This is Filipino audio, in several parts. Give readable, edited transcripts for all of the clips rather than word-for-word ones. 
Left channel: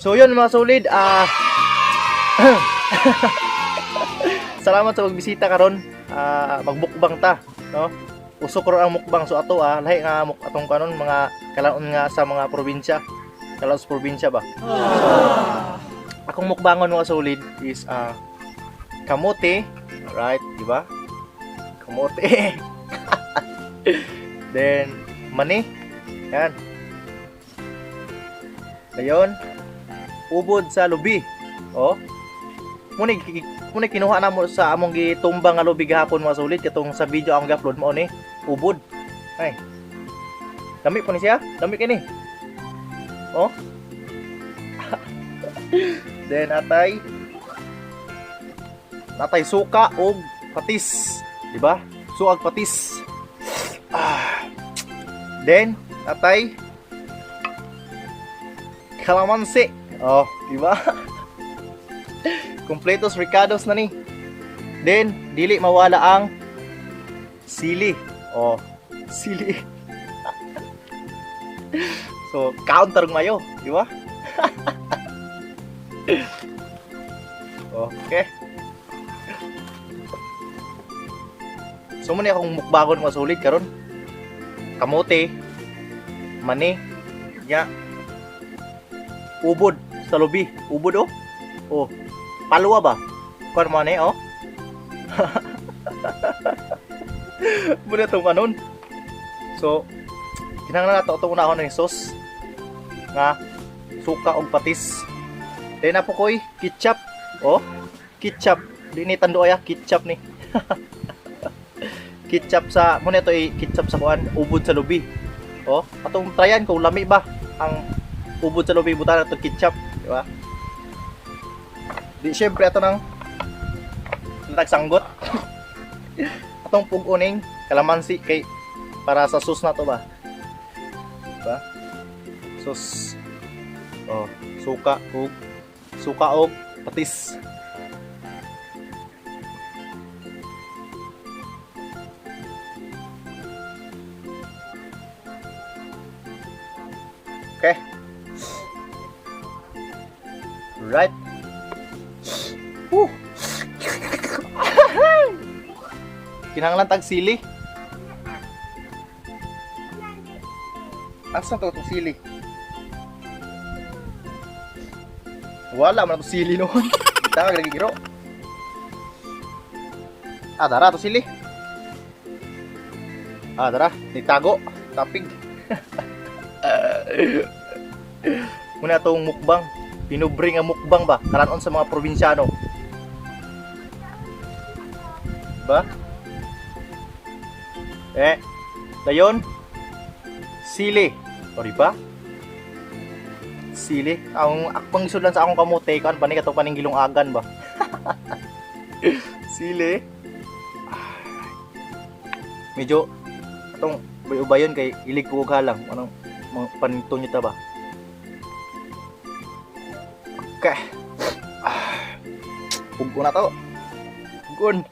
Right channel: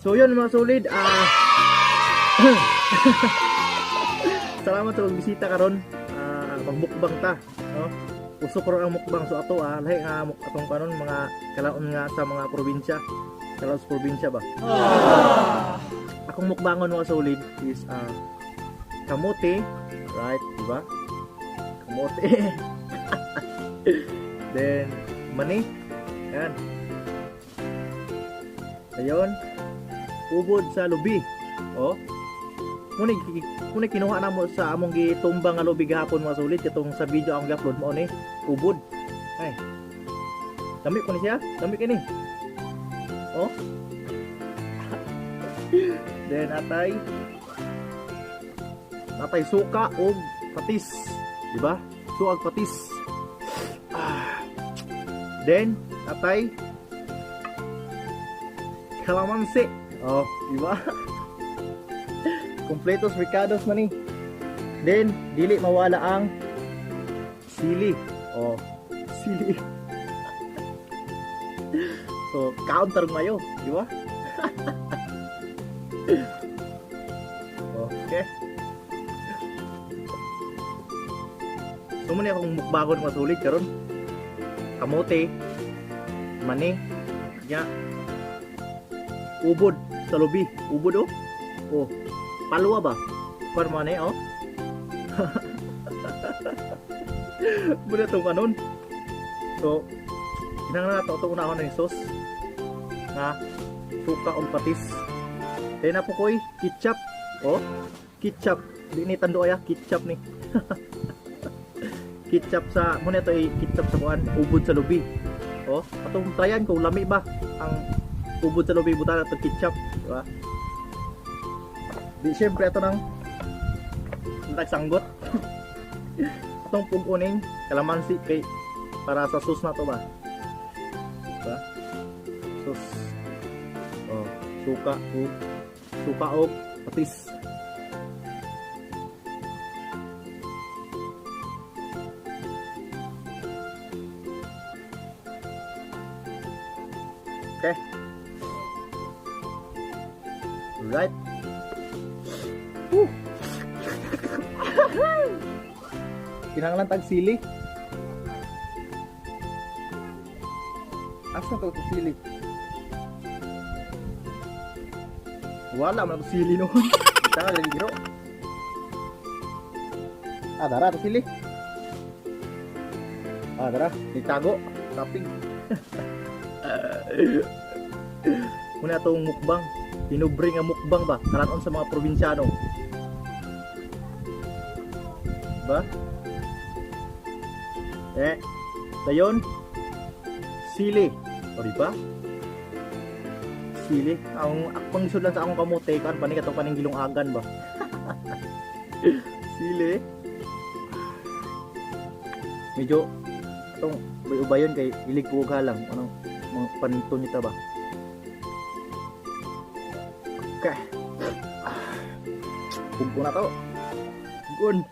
So yun mga solid, salamat sa pagbisita karon. Magbukbang ta, no? Uso ko ang mukbang so ato lahi nga atong kanon mga kalaon nga sa mga probinsya. Kalaon sa probinsya ba? Akong mukbangon mga solid is kamote, right, di ba? Kamote. Then mani. Yan. Ayun. Ubod sa lubi. Oh. Muna kinuha na mo sa among gitumbang nga lubi gahapon mga solid katong sa video akong gi-upload mo ni ubod. Ay. Dami po ni siya. Dami kini. Oh. Then natay suka og patis, di ba? Suag patis. Then natay kalamansi. Oh, di ba? Completos ricados na ni. Then dili mawala ang sili. Oh, sili. So, counter mayo, di ba? Okay. So muna akong mukbagon mga sulit karon. Kamote, mani, ya. Ubod sa lubi, ubod oh. Oh, palwa ba? Kuan man oh. Muna tong kanon. So, kinahanglan nato itong unahon ng sauce nga suka og patis. Then na po koy ketchup. Oh, ketchup. Di ni tando aya ketchup ni. Ketchup sa muna to ketchup sa kuan ubod sa lubi. Oh, atong tryan kung lami ba ang ubod sa lubi buta nato ketchup, di ba? Di syempre ato nang sanggot. Atong puguning kalamansi kay para sa sauce na to ba? Diba? Sauce. Oh, suka og patis. Okay. Right. Woo. Kinahanglan tag sili. Asa to sili? Wala man to sili noon. Kita lagi giro. Dara to sili. Dara, ditago, tapig. Muna itong mukbang. Pinubring ang mukbang ba? Kalanon sa mga probinsyano. Ba? Dayon. Sili. O diba? Sili. Ang akpang isudan sa akong kamote. Kaan pa ni katong paninggilong agan ba? Sili. Medyo itong ubayon kay ilig ko halang. Anong panito nyo ta ba? Okay. Pugko na to. Pugkon.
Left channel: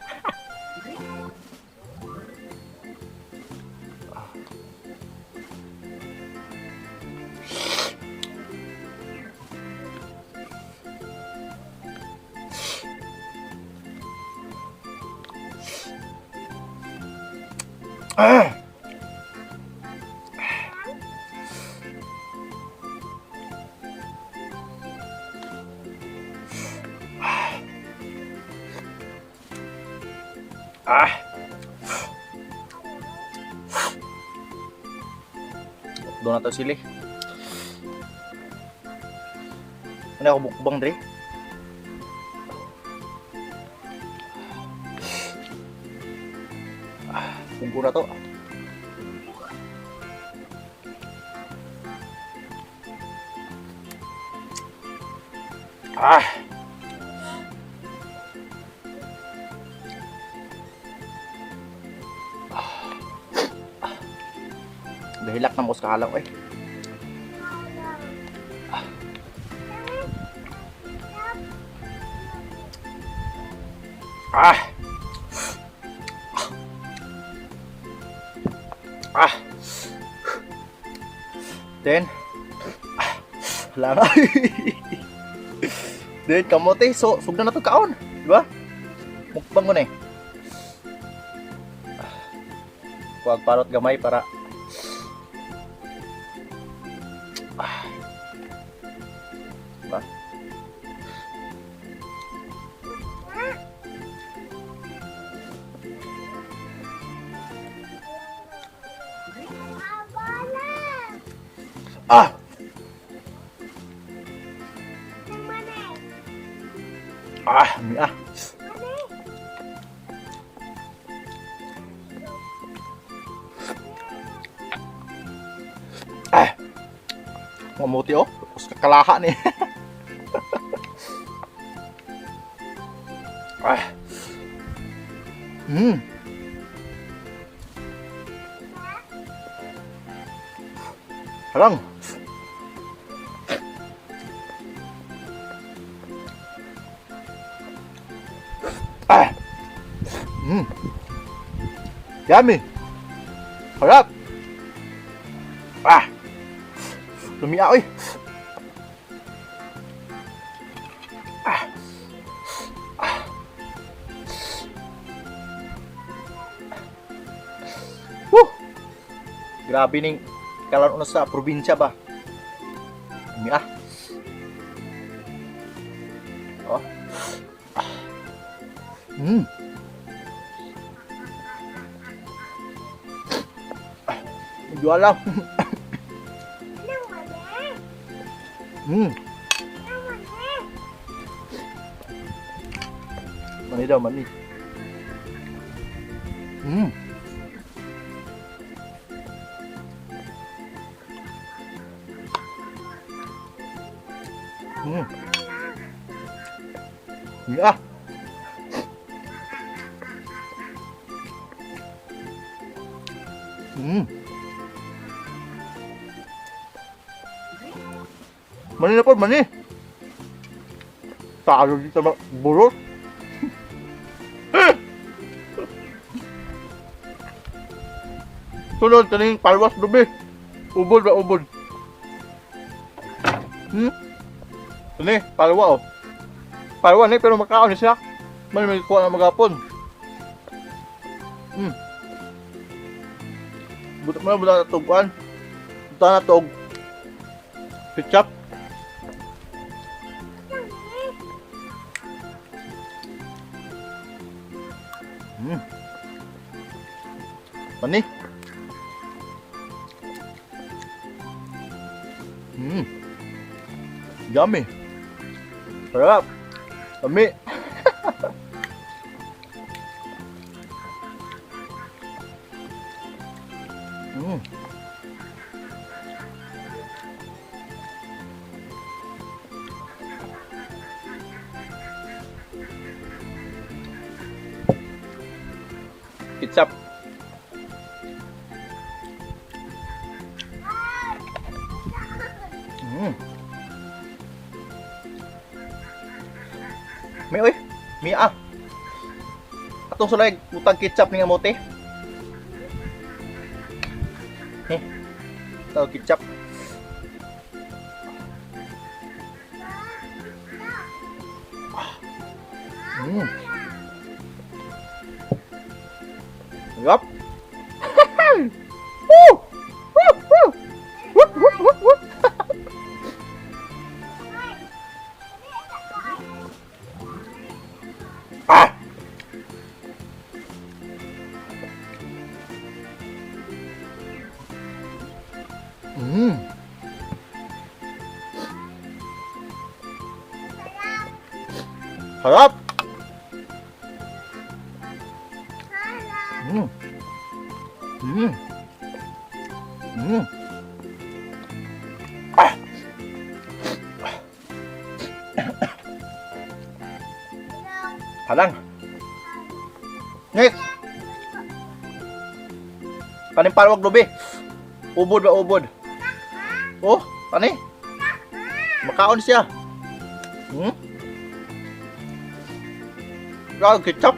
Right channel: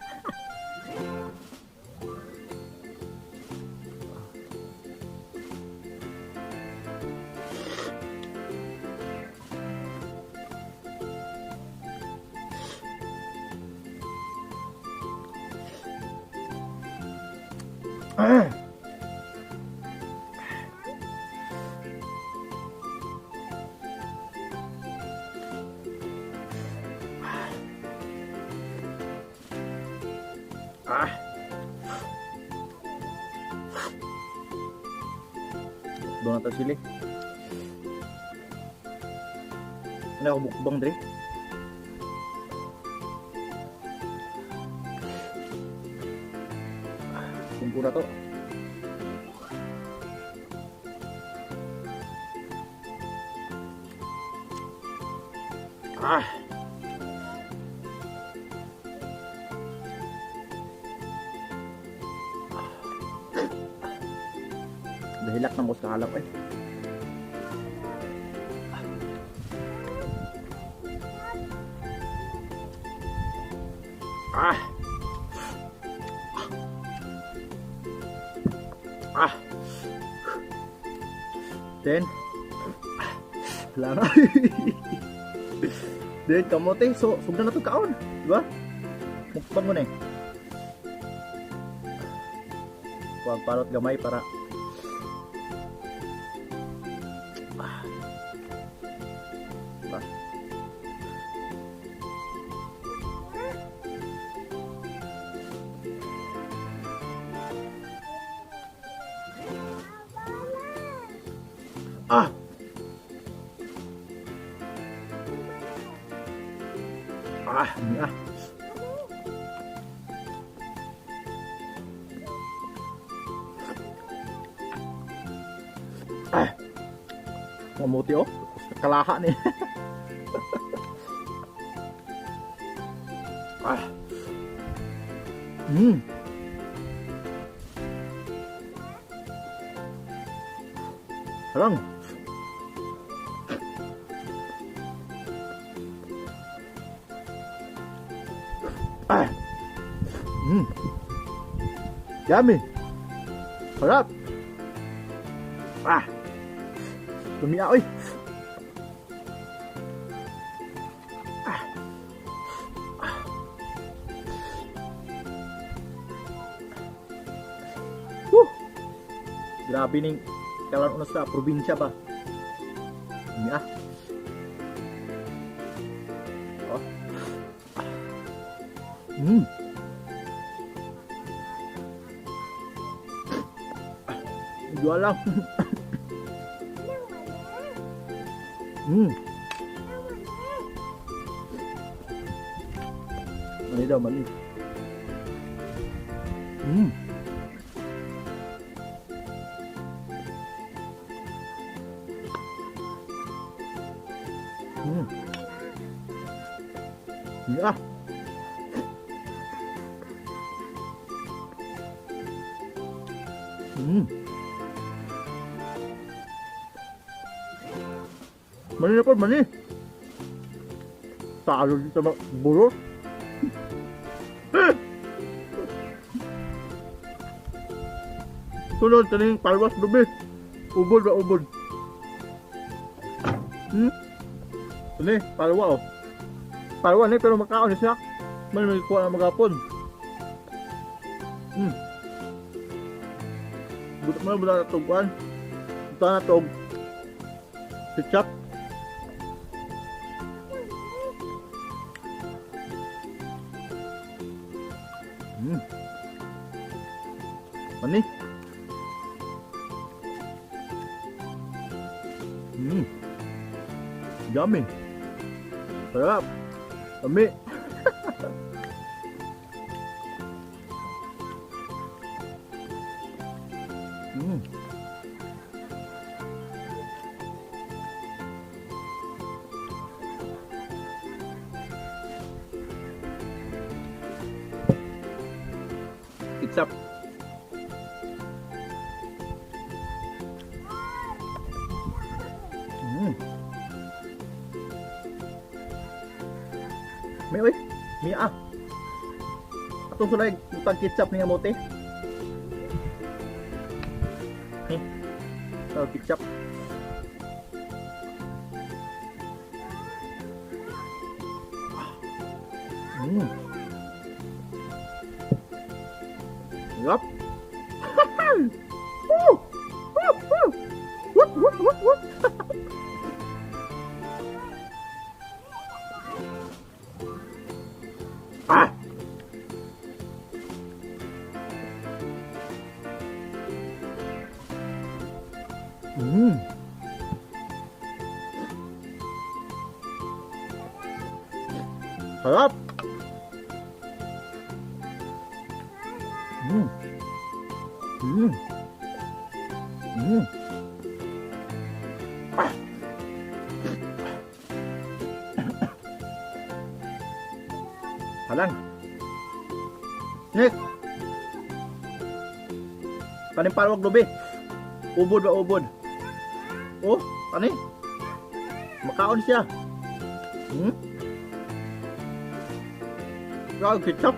Doon na to sili. Ano ako mukbang dre? Bumbu na to. Dahilak na mo sa kalaw eh. Then Lang. Then kamote, so sugdan na to kaon, di ba? Mukbang mo na eh. Huwag parot gamay para ba? Ah! Ah, ah. Ah. Mamuti oh, tapos kakalaha ni. Ah. Harang. Ah. Yummy. Harap. Ah. Lami-a oy. Ah. Ah. Grabe ning kalan sa probinsya ba. Lami-a. Oh. Jual lang. Mani daw, mani. Ya. Mani na po, mani. Talo dito mga burot. Sunod, kaning palwas dubi. Ubod ba, ubod. Ini, palwa oh. Palwa ni, pero makaon siya. Mani may kuha na magapon. Buto mo na buta na tuguan. Buta na tug. Ketchup. Mani. Yummy. Sarap. Yummy. Ketchup. May oy, lami-a. Atong sulay utang ketchup ni amote. Tahu ketchup. Yup. Ah. Sarap. Ah. Halang. Next. Kanin palwag lubi. Ubod ba ubod? Oh, pani. Makaon siya. Rồi ketchup.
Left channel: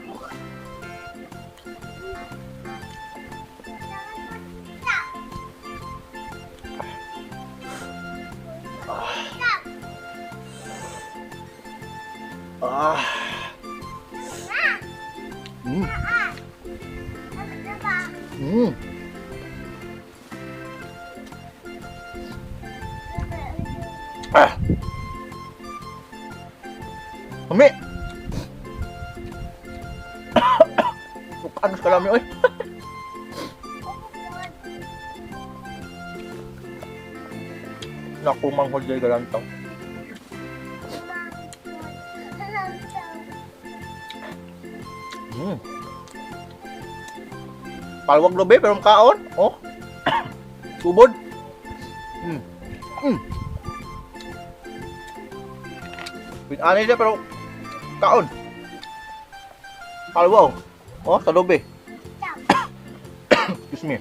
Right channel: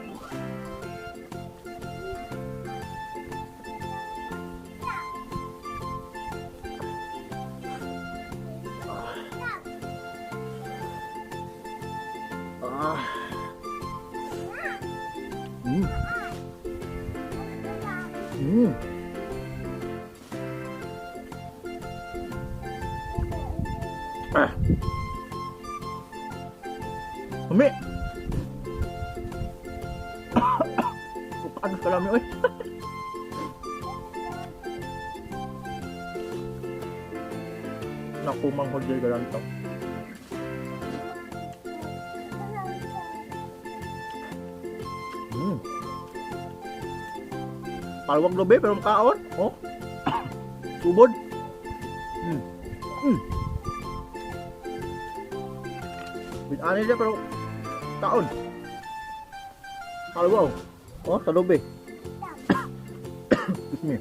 Ah. Mm. Mm. Ah. Mami. Paano ka lami oy? Naku, manghod jay galang to. Mm. Palwag lobe pero kaon. Oh. Subod. Mm. Mm. Pinanay niya pero kaon. Palwaw. Oh, sa lobe. Excuse me.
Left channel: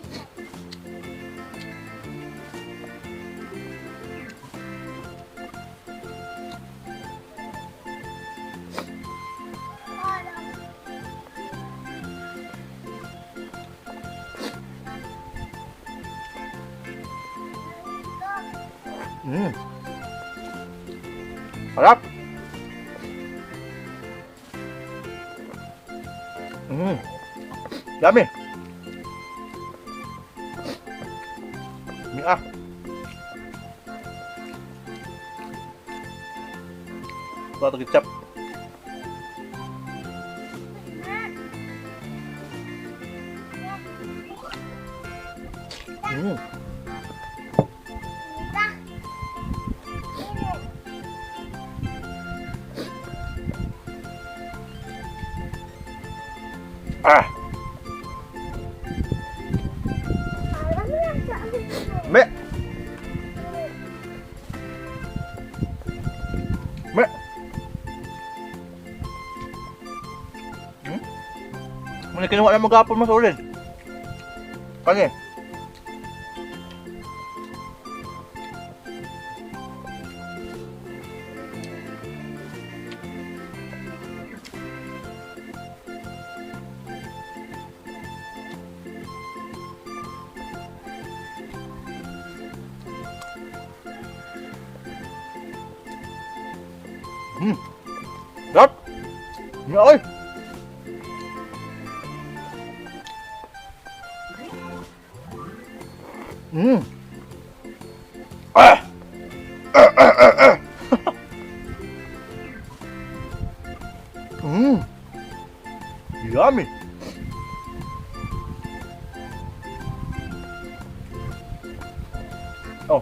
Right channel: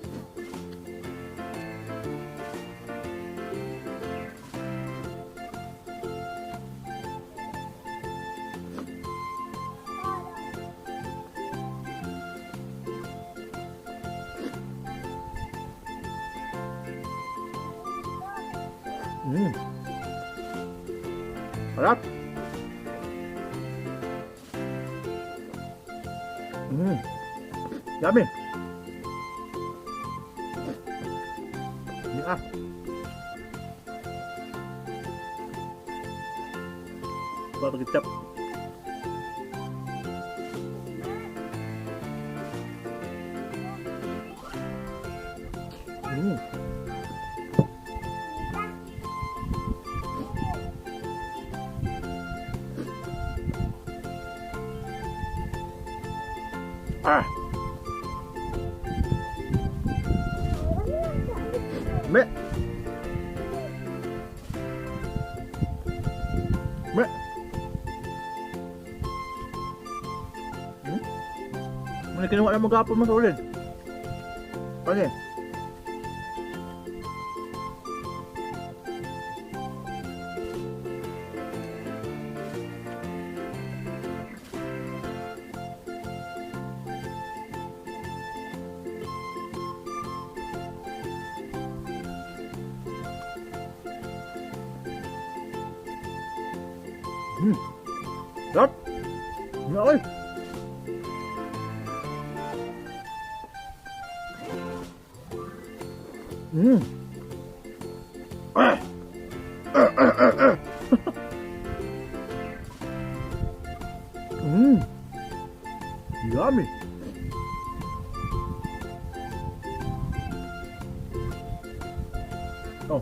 Mm. Sarap. Mm. Yummy. Lami-a. Ito kecap. Mm. Ah. Mẹ. Mẹ. Muna kinuha na mag-apon mas ulit. Kani. Sarap. Dạ ơi. Ah. Yummy. Oh.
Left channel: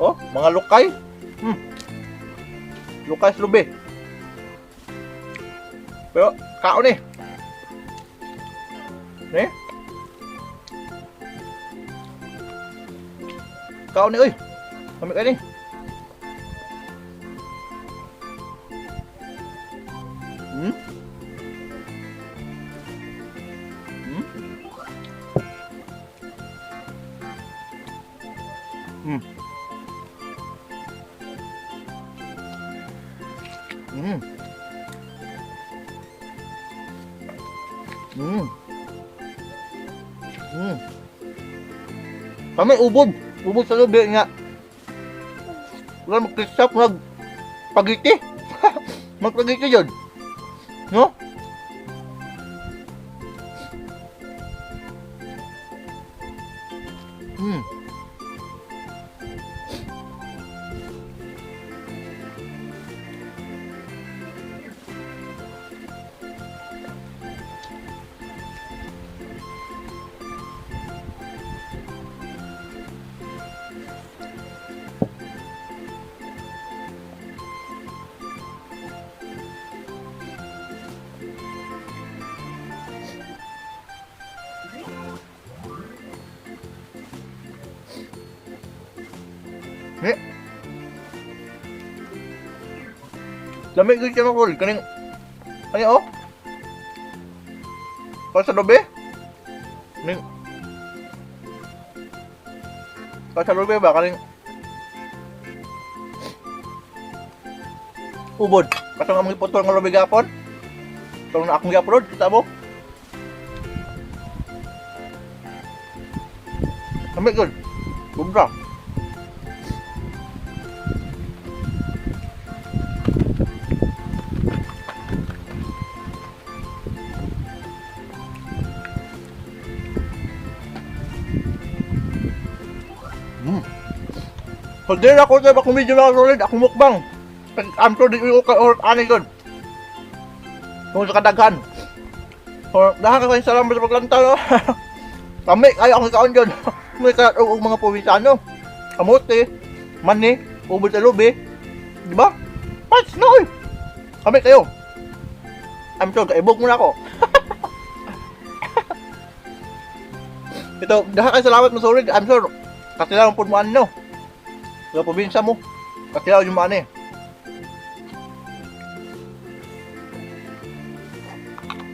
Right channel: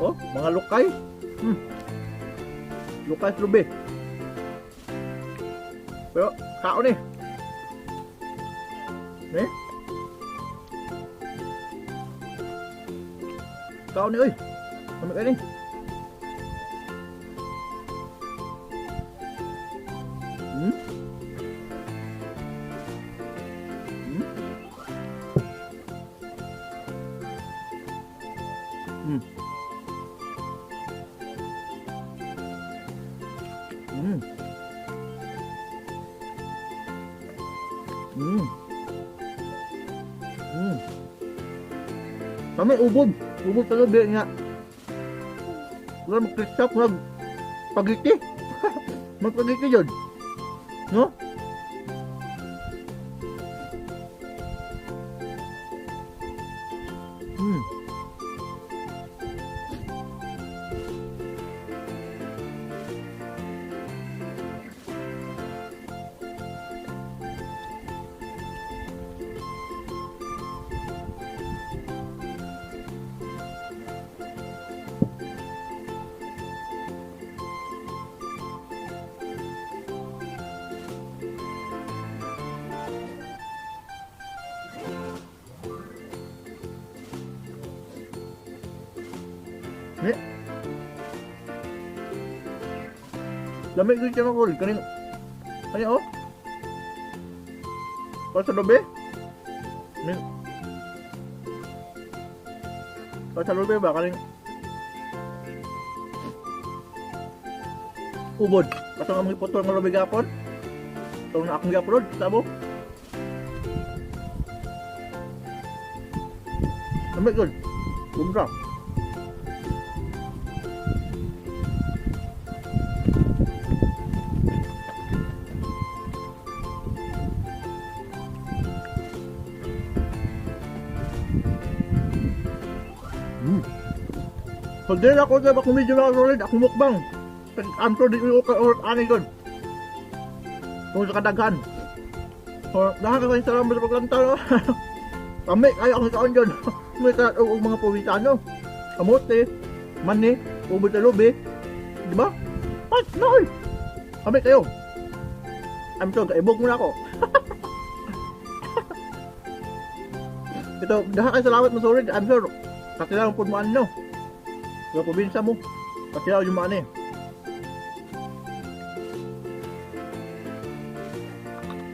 Oh, mga lukay. Lukay sa lubi. Pero, kaon eh. Eh? Kaon ni, oy. Kami ka ni. Kami ubod. Ubod sa lubi nga. Wala mag-krisap mag-pagiti. Mag-pagiti yun. No? Lamig ko siya makul. Kaning... Ano oh? Kau sa lobe? Kaning... Kau sa lobe ba? Kaning... Ubod. Kasi nga mga ipotol ng lobe gapon. Ito na akong i-upload. Kita mo? Lamig ko. Bumra. So din ako sa kung medyo mga solid, ako mukbang. I'm sure di ko or ani good. Kung sa kadaghan. So dahil kayo salamat sa paglanta no. Kami kayo ang kaon dyan. May kayo og mga probinsyano. Kamote, mani, ubod sa lubi. Di ba? Pas no. Kami kayo. I'm sure kaibog muna ako. Ito, dahil kayo salamat mo solid. I'm sure katilang po mo ano. Sa probinsya mo. Katilang yung maani.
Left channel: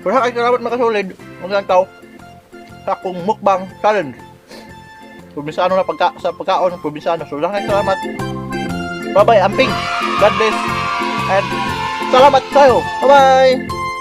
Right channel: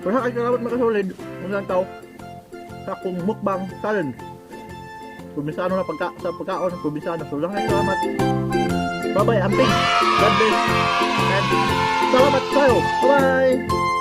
Pero kayo salamat makasolid. Maglantaw sa akong mukbang challenge. Probinsyano na sa pagkaon, probinsyano. So lang kayo salamat. Bye bye, amping. God bless. And salamat tayo. Bye bye.